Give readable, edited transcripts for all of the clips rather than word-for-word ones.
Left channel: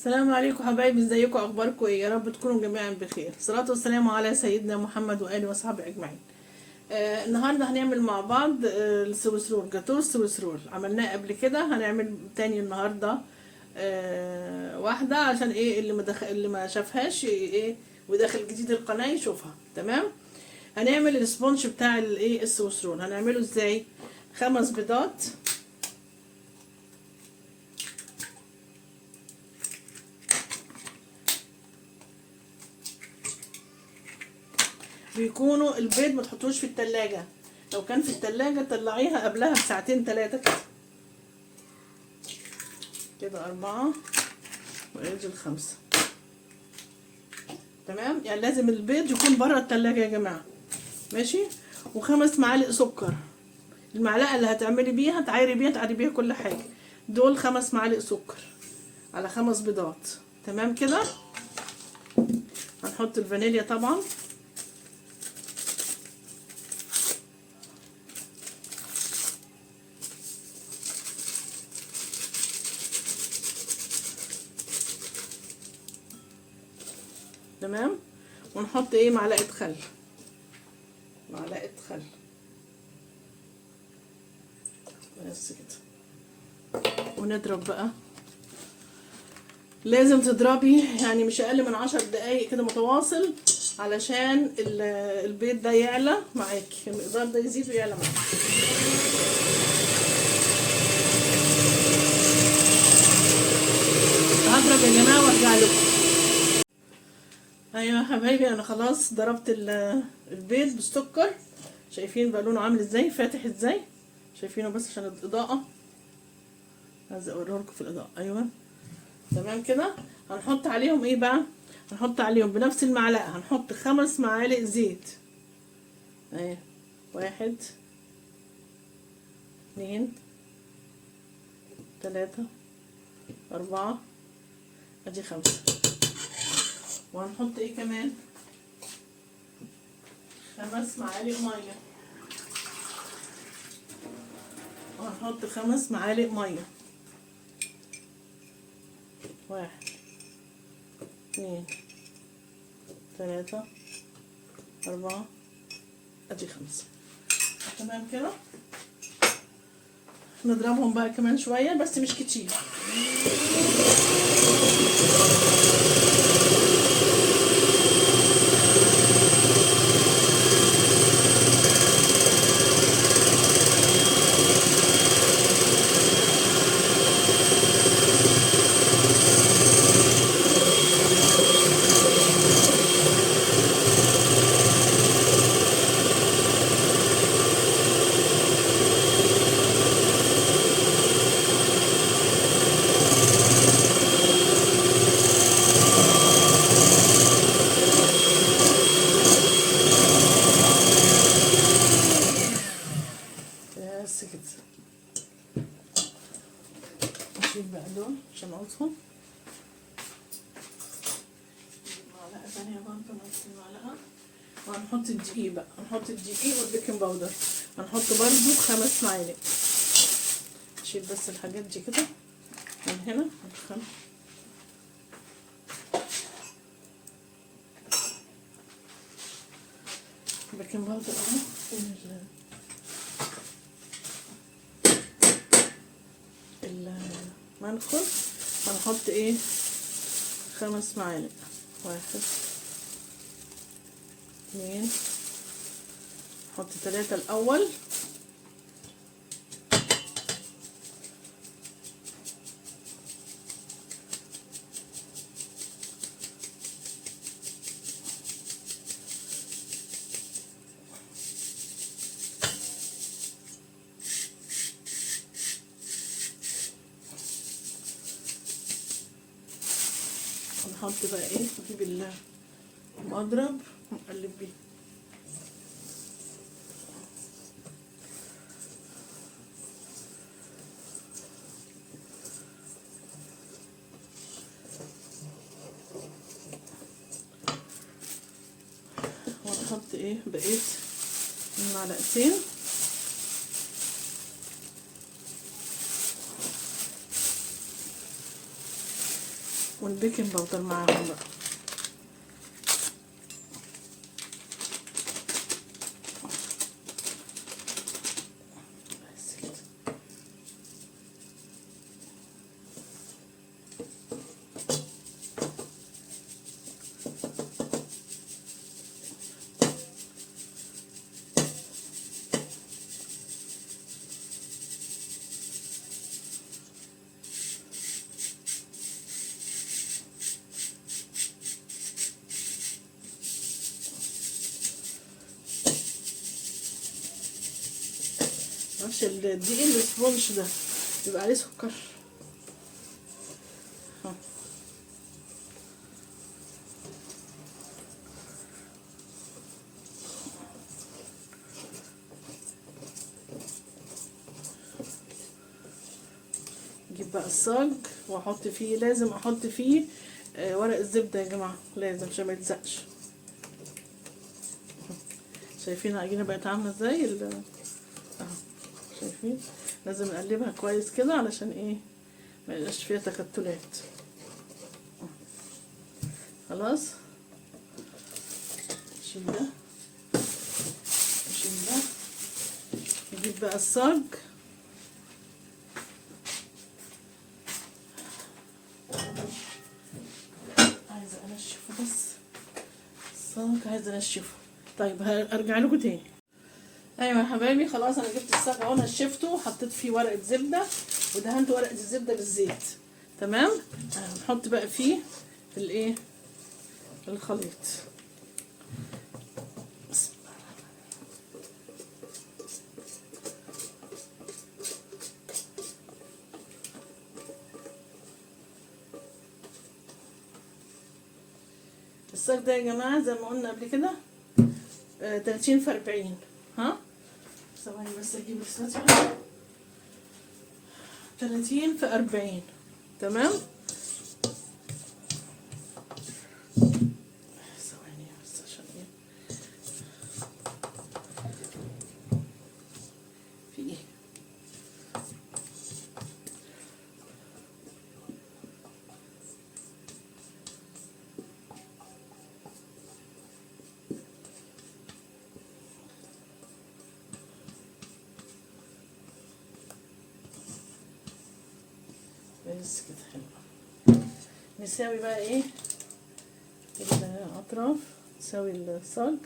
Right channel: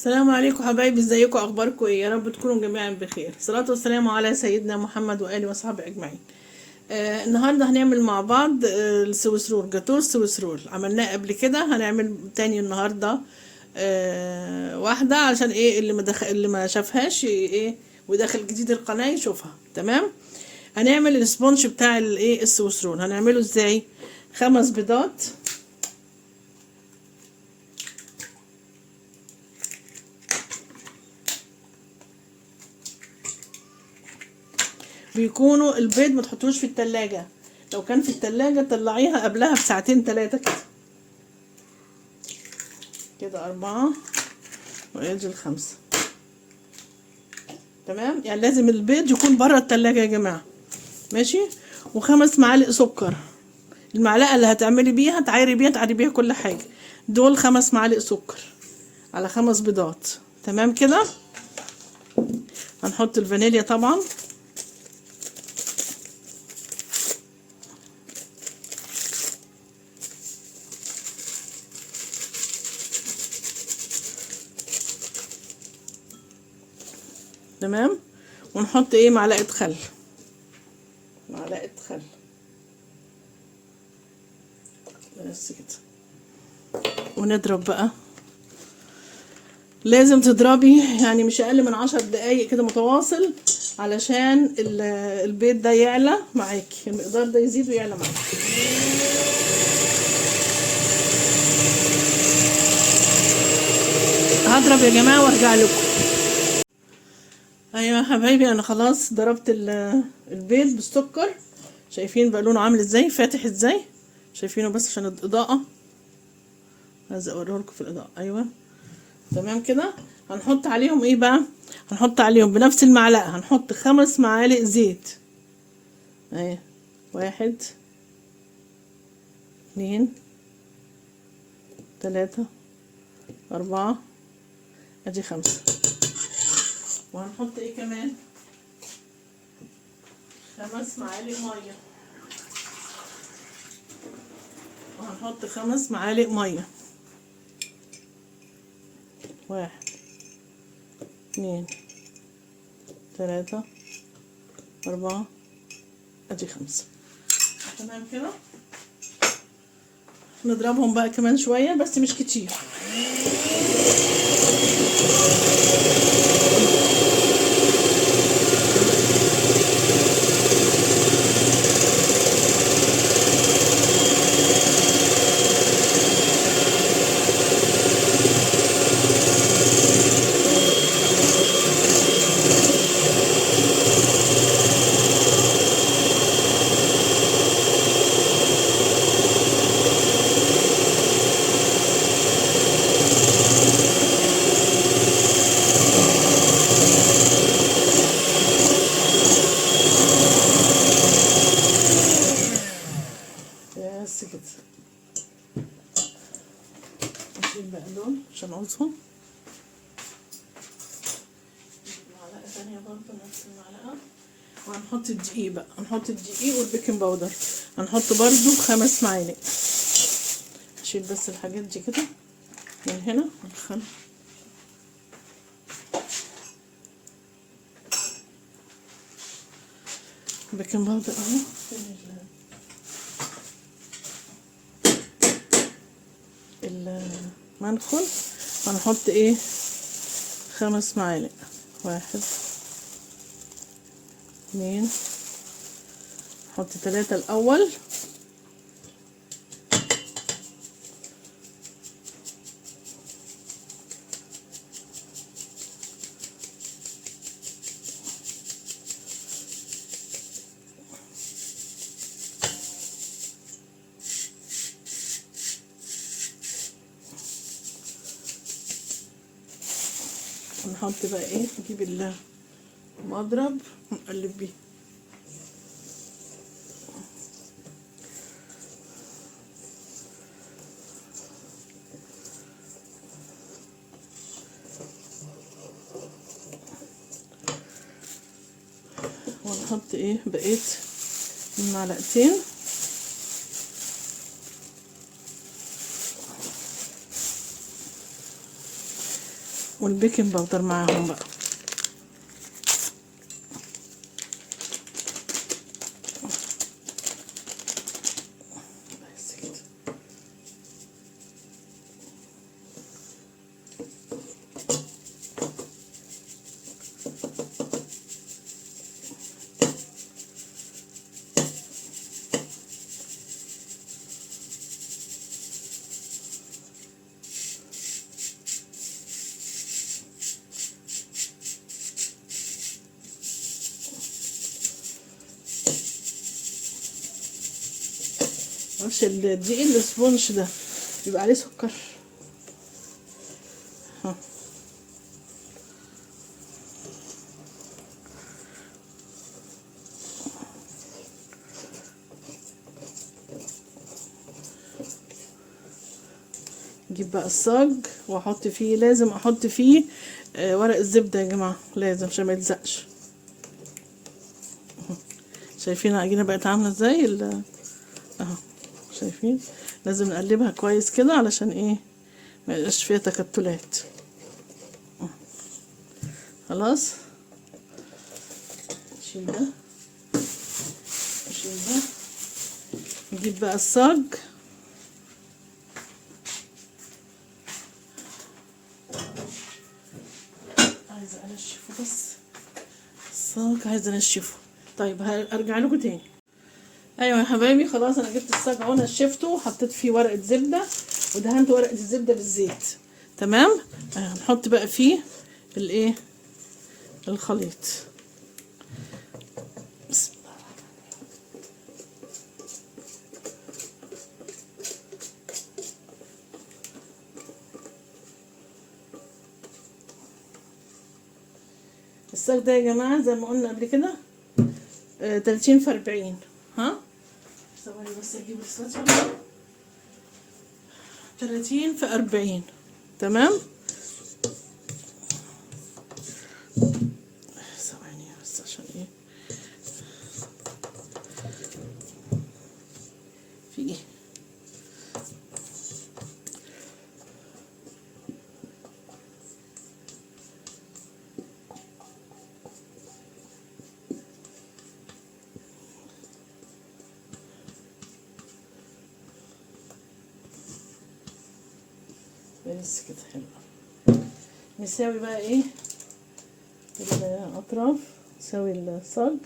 السلام عليكم حبايبي، ازيكم؟ اخباركم ايه؟ يا رب تكونوا جميعا بخير. الصلاه والسلام على سيدنا محمد واله وصحبه اجمعين. النهارده هنعمل مع بعض السويس رول، جاتوه السويس رول. عملناه قبل كده، هنعمل تاني النهارده واحده عشان ايه اللي ما شافهاش ايه وداخل جديد القناه يشوفها. تمام. هنعمل السبونج بتاع الايه السويس رول. هنعمله ازاي؟ 5 بيضات، بيكونوا البيض ما تحطوش في التلاجة. لو كان في التلاجة طلعيها قبلها بساعتين 3 كده. كده 4 وينزل 5. تمام، يعني لازم البيض يكون بره التلاجة يا جماعة. ماشي. و5 معالق سكر. المعلقة اللي هتعملي بيها تعايري بيها كل حاجة. دول 5 معالق سكر على 5 بيضات. تمام كده. هنحط الفانيليا طبعا. تمام. ونحط ايه معلقة خل. معلقة خل بس كده. ونضرب بقى. لازم تضربي يعني مش اقل من 10 دقايق كده متواصل، علشان البيض ده يعلى معاكي، المقدار ده يزيد ويعلى معاكي. هضرب يا جماعه وارجع لكم. ايوه يا حبايبي، انا خلاص ضربت البيض بالسكر. شايفين بقى لونه عامل ازاي، فاتح ازاي؟ شايفينه بس عشان الاضاءه، عايزه اوريه لكم في الاضاءه. ايوه تمام كده. هنحط عليهم ايه بقى؟ هنحط عليهم بنفس المعلقه، هنحط 5 معالق زيت. اهي 1 2 3 4 ادي 5. وهنحط ايه كمان؟ 5 معالق ميه. وهنحط 5 معالق ميه. 1 2 3 4 ادي 5. تمام كده. نضربهم بقى كمان شويه بس مش كتير. بس كده. نشيل بقى دول عشان اقصهم. معلقه ثانيه برضه نفس المعلقه. وهنحط الدقيق بقى، هنحط الدقيق والبيكنج باودر. هنحط برضو 5 معالق. نشيل بس الحاجات دي كده من هنا. ندخل البيكنج باودر اهو. المنخل هنحط ايه؟ 5 معالق. 1 2 نحط 3 الاول. نحط بقى ايه، نجيب المضرب ونقلب بيه. ونحط ايه بقيت المعلقتين. والبيكنج باودر معاهم بقى. بس كده. نفس الدقيق الاسبونج ده بيبقى عليه سكر. نجيب بقى الصاج واحط فيه، لازم احط فيه ورق الزبده يا جماعه، لازم عشان ما يلزقش. شايفين العجينه بقت عامله ازاي اهو، شايفين؟ لازم نقلبها كويس كده علشان ايه ما يبقاش فيها تكتلات. خلاص نشيل ده نشيل ده. نجيب بقى الصاج، عايزه انشفه بس، الصاج عايزه انشفه. طيب هرجع لكم تاني. ايوه يا حبايبي خلاص انا جبت الصاج اهو، نشفته وحطيت فيه ورقه زبده ودهنت ورقه الزبده بالزيت. تمام. نحط بقى فيه الايه الخليط. بسم الله الصاج ده يا جماعه زي ما قلنا قبل كده 30 في 40. ها ثواني بس اجيب الساتر. 30 في 40. تمام. ثواني بس عشان ايه في ايه. بس كده حلو. نساوي بقى ايه الاطراف، نساوي الصاج.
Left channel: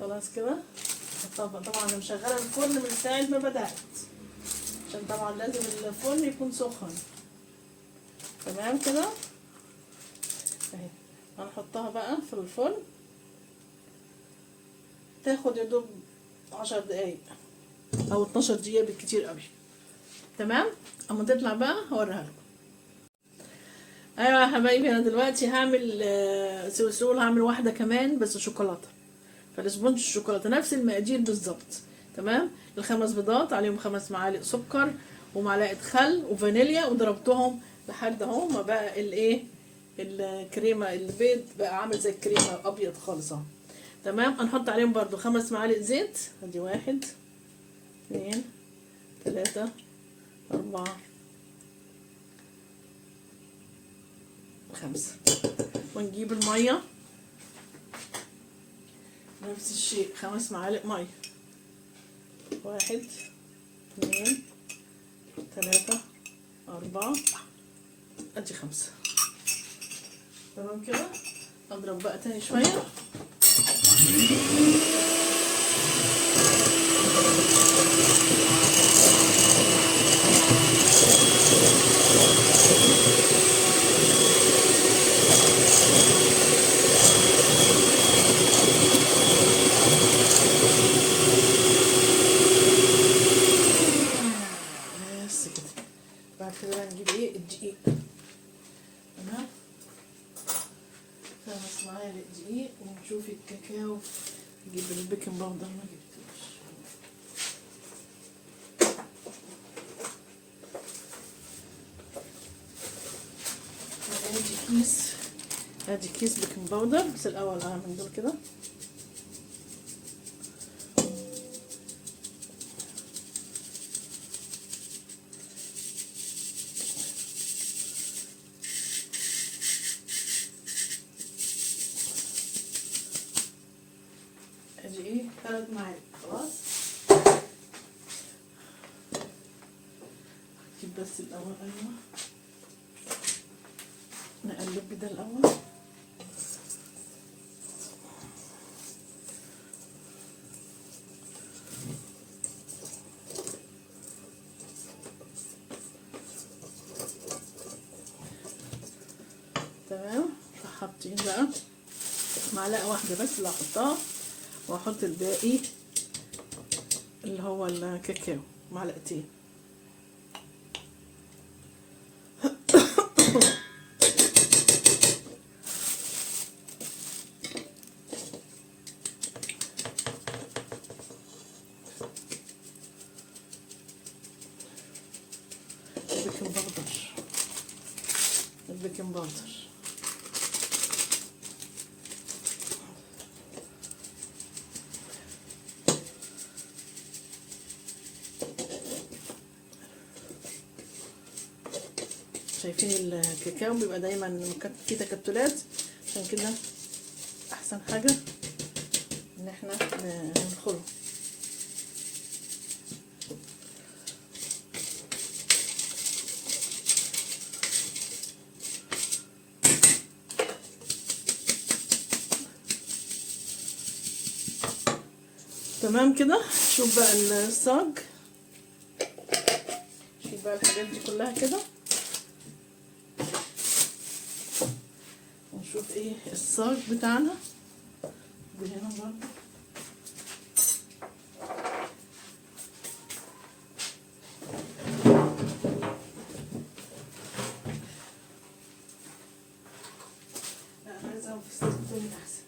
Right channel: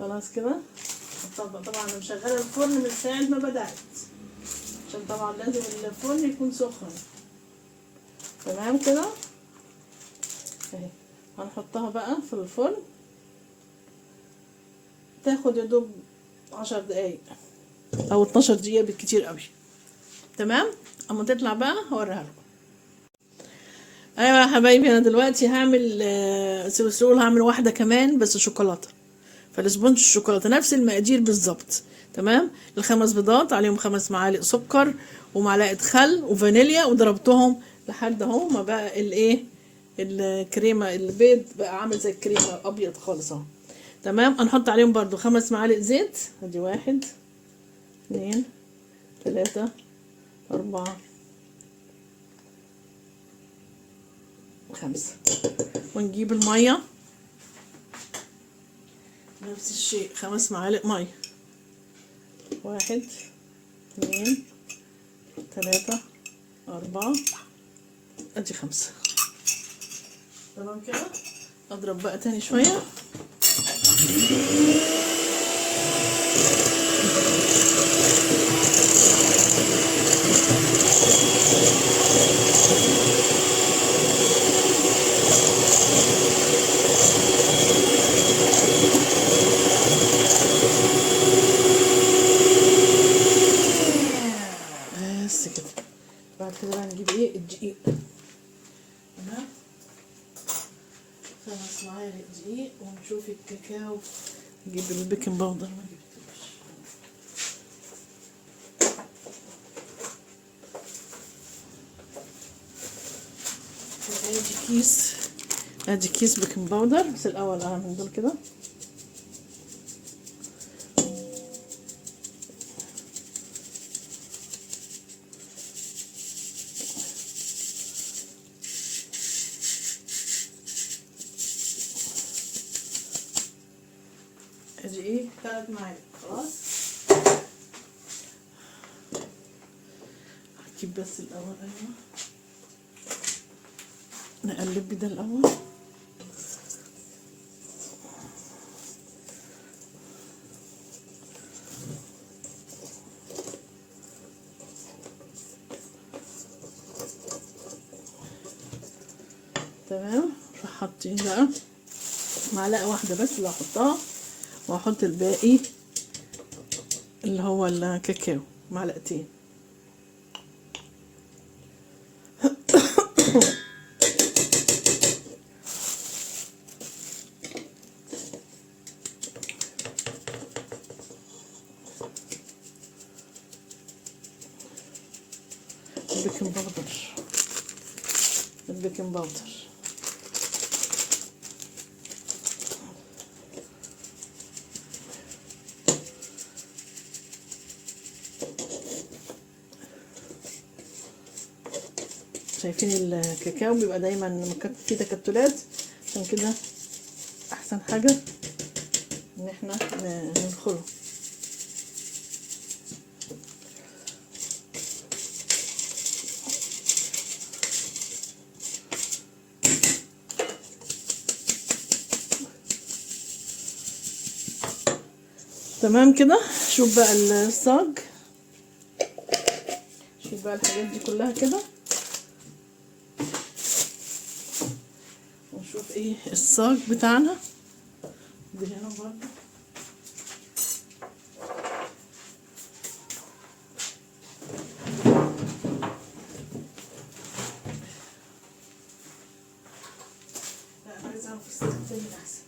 خلاص كده. طبعا انا مشغله الفرن من ساعه ما بدات، عشان طبعا لازم الفرن يكون سخن. تمام كده اهي. هنحطها بقى في الفرن تاخد يا دوب 10 دقايق او 12 دقيقه بالكتير قوي. تمام. اما تطلع بقى هوريها لكم. ايوه يا حبايبي انا دلوقتي هعمل سويس رول، هعمل واحده كمان بس شوكولاته، فالسبونج الشوكولاته نفس المقادير بالظبط. تمام. الخمس بيضات عليهم 5 معالق سكر ومعلقه خل وفانيليا، وضربتهم لحد اهو ما بقى الايه الكريمه، البيض بقى عامل زي الكريمه ابيض خالص اهو. تمام. هنحط عليهم برضو 5 معالق زيت، ادي 1 2 3 4 5. ونجيب الميه نفس الشيء 5 معالق ميه، 1 2 3 4 ادي 5. تمام كده. اضرب بقى تاني شويه. بس كده. بعد كده هنجيب ايه الدقيق. معالق دقيق ونشوف الكاكاو. نجيب البيكنج باودر، ما جبتوش. ادي كيس بيكنج باودر. بس الاول اعمل دول كده. ادي ايه 3 معالق. خلاص هجيب بس الاول نقلب كده الاول. تمام. حاطين بقى معلقه واحده بس اللي هحطها، واحط الباقي اللي هو الكاكاو معلقتين. البيكنج باودر شايفين الكاكاو بيبقى دايما فيه تكتلات، عشان كده احسن حاجه ان احنا ننخله. تمام كده. شوف بقى الصاج، شوف بقى الحاجات دي كلها كده، ونشوف ايه الصاج بتاعنا. دي هنا برضه لا، عايزة في الصاج تاني احسن.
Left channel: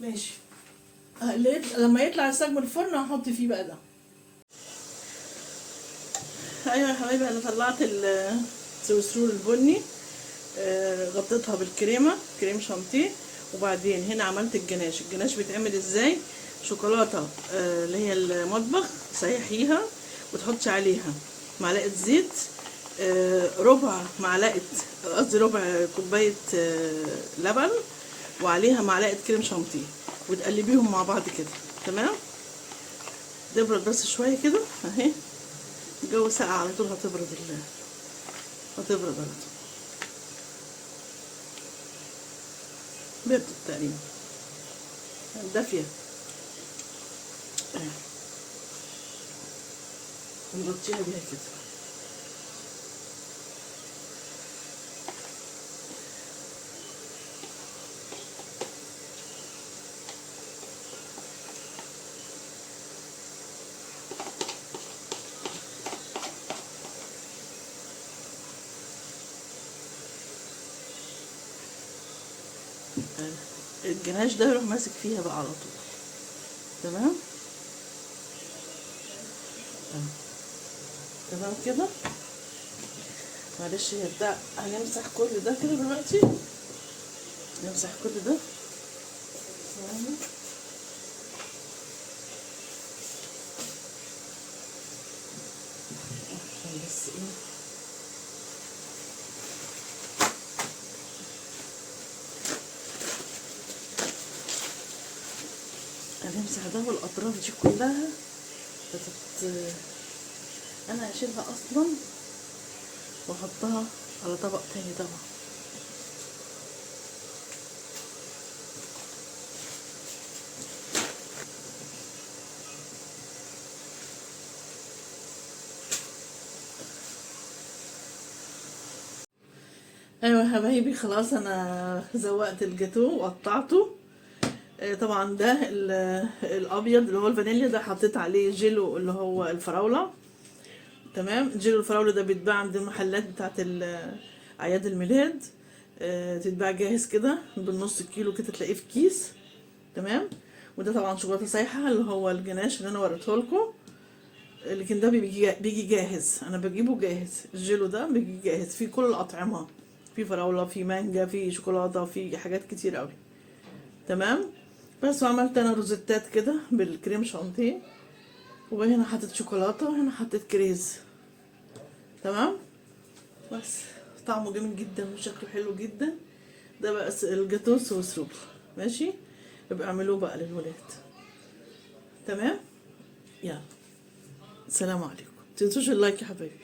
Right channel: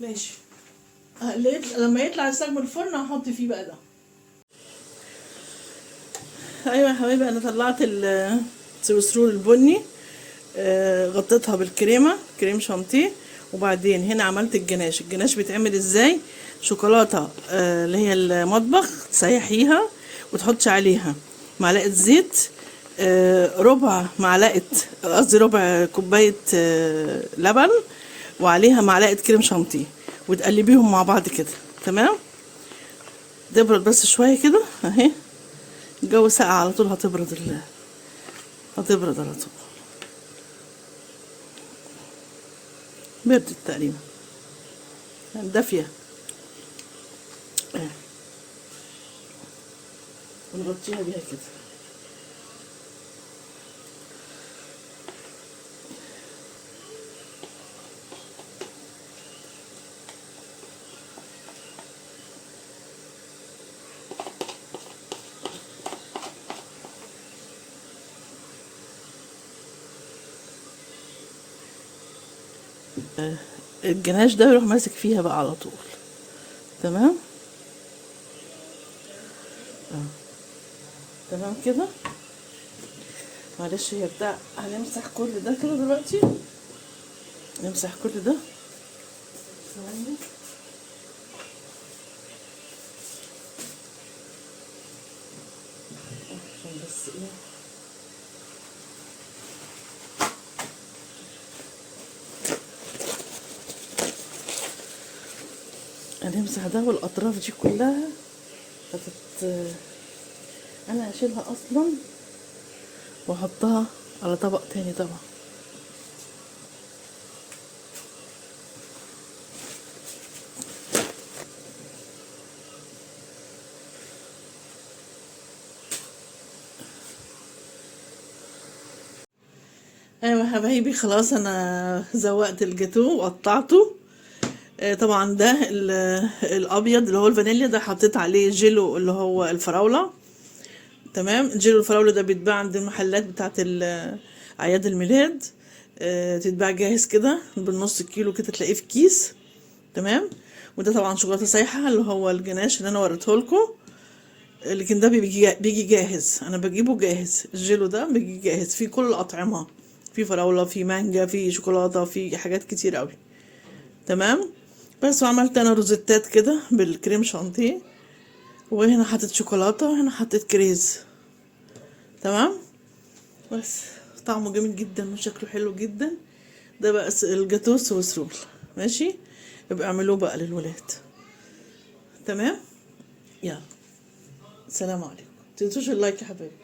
ماشي. لما يطلع الصاج من الفرن هحط فيه بقى ده. ايوه يا حبايبي، انا طلعت السويسرول البني، غطيتها بالكريمه، كريم شانتيه، وبعدين هنا عملت الجناش. الجناش بيتعمل ازاي؟ شوكولاته اللي هي المطبخ، تسيحيها وتحطي عليها معلقه زيت، ربع معلقه، قصدي ربع كوبايه لبن، وعليها معلقه كريم شانتيه، وتقلبيهم مع بعض كده. تمام. تبرد بس شويه كده اهي. الجو ساقع على طول، هتبرد على طول. بردت تقريبا، دافيه. ونغطيها بيها كده. الجناش ده يروح ماسك فيها بقى على طول. تمام. تمام كده. معلش هنبدأ هنمسح كل ده كده دلوقتي. نمسح كل ده ثواني. عشان بس ايه، هنمسح ده والاطراف دي كلها. انا هشيلها اصلا واحطها على طبق تاني طبعا. ايوه يا حبايبي، خلاص انا زوقت الجاتو وقطعته. طبعا ده الابيض اللي هو الفانيليا ده حطيت عليه جيلو اللي هو الفراوله. تمام. جيلو الفراوله ده بيتباع عند المحلات بتاعت اعياد الميلاد. تتباع جاهز كده بالنص كيلو كده، تلاقيه في كيس. تمام. وده طبعا شوكولاته سايحه اللي هو الجناش اللي انا وريته لكم، لكن ده بيجي جاهز. انا بجيبه جاهز، الجيلو ده بيجي جاهز فيه كل الاطعمه، في فراوله، في مانجا، في شوكولاته، في حاجات كتير قوي. تمام. بس وعملت انا روزيتات كده بالكريم شانتيه، وهنا حطيت شوكولاته وهنا حطيت كريز. تمام. بس طعمه جميل جدا وشكله حلو جدا. ده بقى الجاتو سويس رول. ماشي، يبقى اعملوه بقى للولاد. تمام. يلا، سلام عليكم، متنسوش اللايك يا حبايبي.